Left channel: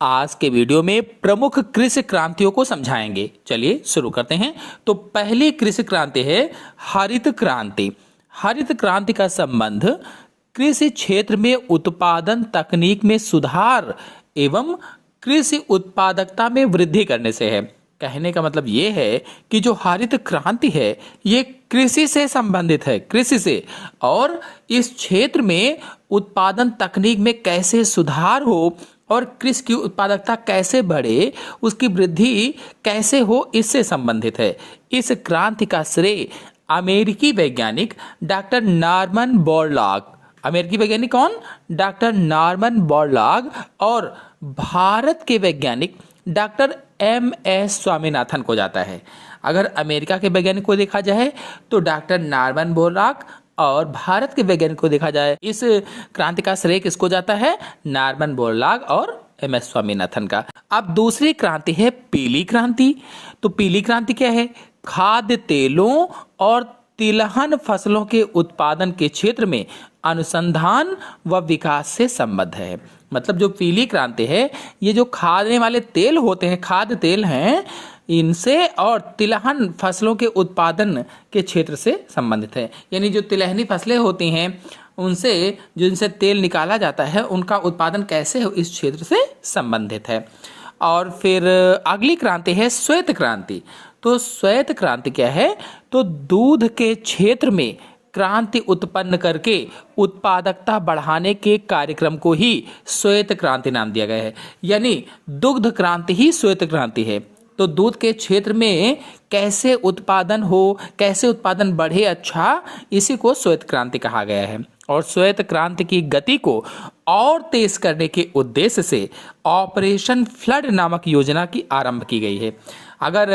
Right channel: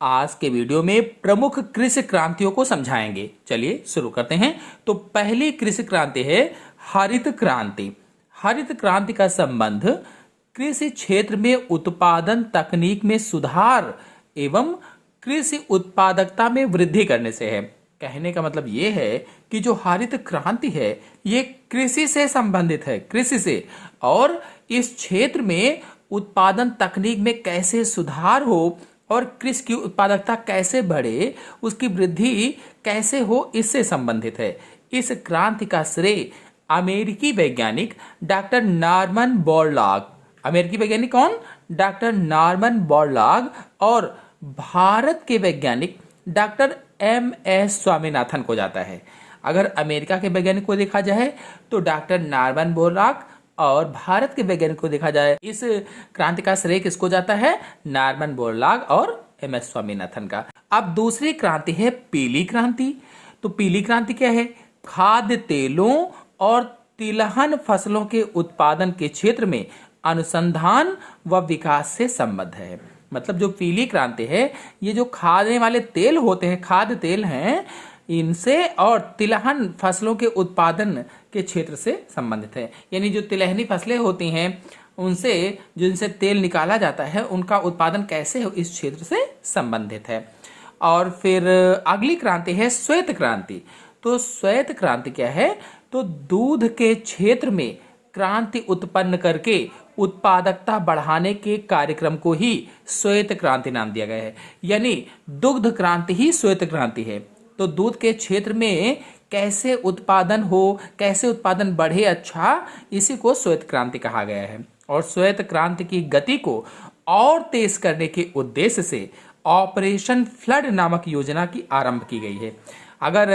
आज के वीडियो में प्रमुख कृषि क्रांतियों को समझाएंगे। चलिए शुरू करते हैं। तो पहली कृषि क्रांति है हरित क्रांति। हरित क्रांति का संबंध कृषि क्षेत्र में उत्पादन तकनीक में सुधार एवं कृषि उत्पादकता में वृद्धि करने से है। कहने का मतलब ये है कि जो हरित क्रांति है ये कृषि से संबंधित है, कृषि से, और इस क्षेत्र में उत्पादन तकनीक में कैसे सुधार हो और कृषि की उत्पादकता कैसे बढ़े, उसकी वृद्धि कैसे हो, इससे संबंधित है। इस क्रांति का श्रेय अमेरिकी वैज्ञानिक डॉक्टर नॉर्मन बोरलॉग, अमेरिकी वैज्ञानिक कौन? डॉक्टर नॉर्मन बोरलॉग, और भारत के वैज्ञानिक डॉक्टर एम.एस. स्वामीनाथन को जाता है। अगर अमेरिका के वैज्ञानिक को देखा जाए तो डॉक्टर नॉर्मन बोरलॉग, और भारत के वैज्ञानिक को देखा जाए इस क्रांति का श्रेय किसको जाता है? नॉर्मन बोरलॉग और एम.एस. स्वामीनाथन का। अब दूसरी क्रांति है पीली क्रांति। तो पीली क्रांति क्या है? खाद्य तेलों और तिलहन फसलों के उत्पादन के क्षेत्र में अनुसंधान व विकास से संबद्ध है। मतलब जो पीली क्रांति है ये जो खाने वाले तेल होते हैं, खाद्य तेल हैं, इनसे और तिलहन फसलों के उत्पादन के क्षेत्र से संबंधित है। यानी जो तिलहनी फसलें होती हैं उनसे जिनसे तेल निकाला जाता है उनका उत्पादन कैसे हो, इस क्षेत्र से संबंधित है। और फिर अगली क्रांति है श्वेत क्रांति। तो श्वेत क्रांति क्या है? तो दूध के क्षेत्र में क्रांति उत्पन्न करके उत्पादकता बढ़ाने के कार्यक्रम को ही श्वेत क्रांति नाम दिया गया है। यानी दुग्ध क्रांति ही श्वेत क्रांति है। तो दूध के क्षेत्र में कैसे उत्पादन हो, कैसे उत्पादन बढ़े अच्छा, इसी को श्वेत क्रांति कहा गया है। और श्वेत क्रांति की गति को और तेज करने के उद्देश्य से ऑपरेशन फ्लड नामक योजना की आरंभ की गई है। अगर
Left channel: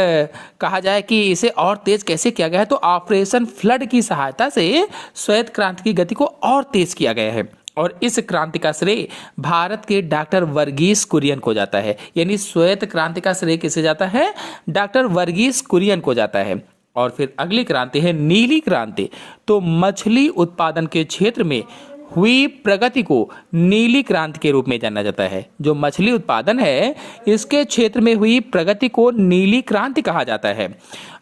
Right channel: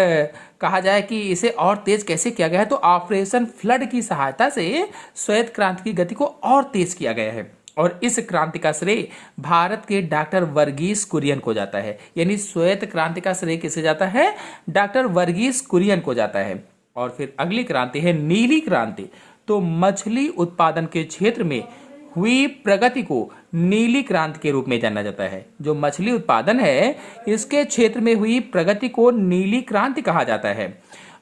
कहा जाए कि इसे और तेज कैसे किया गया है तो ऑपरेशन फ्लड की सहायता से श्वेत क्रांति की गति को और तेज किया गया है। और इस क्रांति का श्रेय भारत के डॉक्टर वर्गीस कुरियन को जाता है। यानी श्वेत क्रांति का श्रेय किसे जाता है? डॉक्टर वर्गीस कुरियन को जाता है। और फिर अगली क्रांति है नीली क्रांति। तो मछली उत्पादन के क्षेत्र में हुई प्रगति को नीली क्रांति के रूप में जाना जाता है। जो मछली उत्पादन है इसके क्षेत्र में हुई प्रगति को नीली क्रांति कहा जाता है।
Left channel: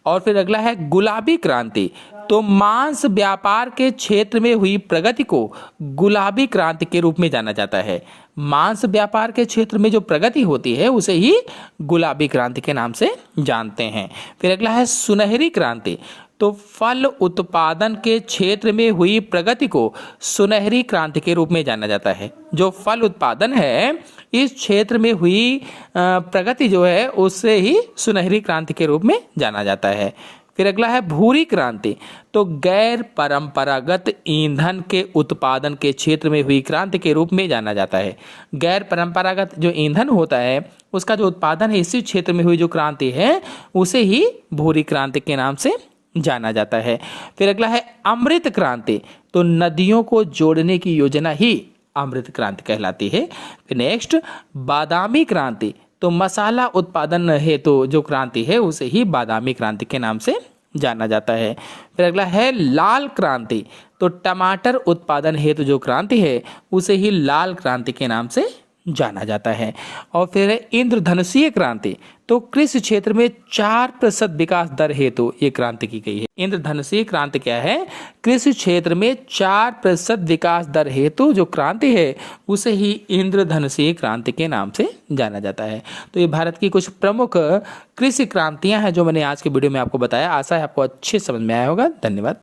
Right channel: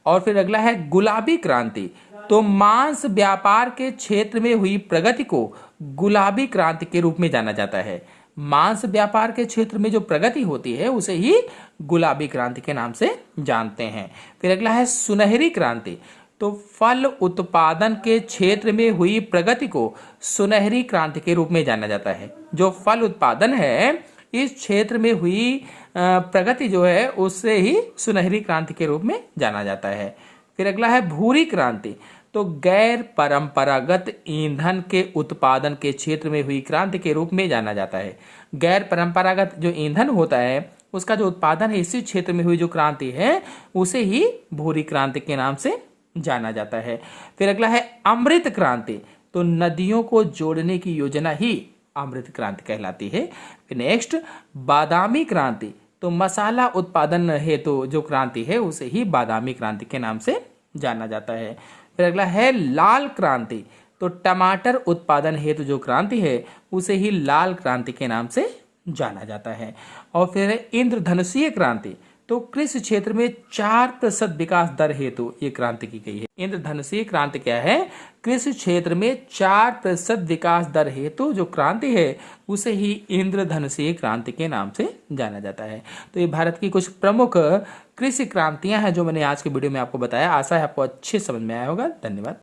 और फिर अगला है गुलाबी क्रांति। तो मांस व्यापार के क्षेत्र में हुई प्रगति को गुलाबी क्रांति के रूप में जाना जाता है। मांस व्यापार के क्षेत्र में जो प्रगति होती है उसे ही गुलाबी क्रांति के नाम से जानते हैं। फिर अगला है सुनहरी क्रांति। तो फल उत्पादन के क्षेत्र में हुई प्रगति को सुनहरी क्रांति के रूप में जाना जाता है। जो फल उत्पादन है इस क्षेत्र में हुई प्रगति जो है उससे ही सुनहरी क्रांति के रूप में जाना जाता है। फिर अगला है भूरी क्रांति। तो गैर परंपरागत ईंधन के उत्पादन के क्षेत्र में हुई क्रांति के रूप में जाना जाता है। गैर परंपरागत जो ईंधन होता है उसका जो उत्पादन है इसी क्षेत्र में हुई जो क्रांति है उसे ही भूरी क्रांति के नाम से जाना जाता है। फिर अगला है अमृत क्रांति। तो नदियों को जोड़ने की योजना ही अमृत क्रांति कहलाती है। फिर नेक्स्ट बादामी क्रांति। तो मसाला उत्पादन हेतु जो क्रांति है उसे ही बादामी क्रांति के नाम से जाना जाता है। फिर अगला है लाल क्रांति। तो टमाटर उत्पादन हेतु जो क्रांति है उसे ही लाल क्रांति के नाम से जाना जाता है। और फिर इंद्रधनुषीय क्रांति। तो कृषि क्षेत्र में 4% विकास दर हेतु ये क्रांति की गई है। इंद्रधनुषीय क्रांति क्या है? कृषि क्षेत्र में 4% विकास दर हेतु जो क्रांति है उसे ही इंद्रधनुषीय क्रांति के नाम से जाना जाता है। तो ये भारत की कुछ प्रमुख कृषि क्रांतियां हैं जो मैंने आज के वीडियो में आपको बताया। आशा है आपको अच्छे समझ में आया होगा। धन्यवाद।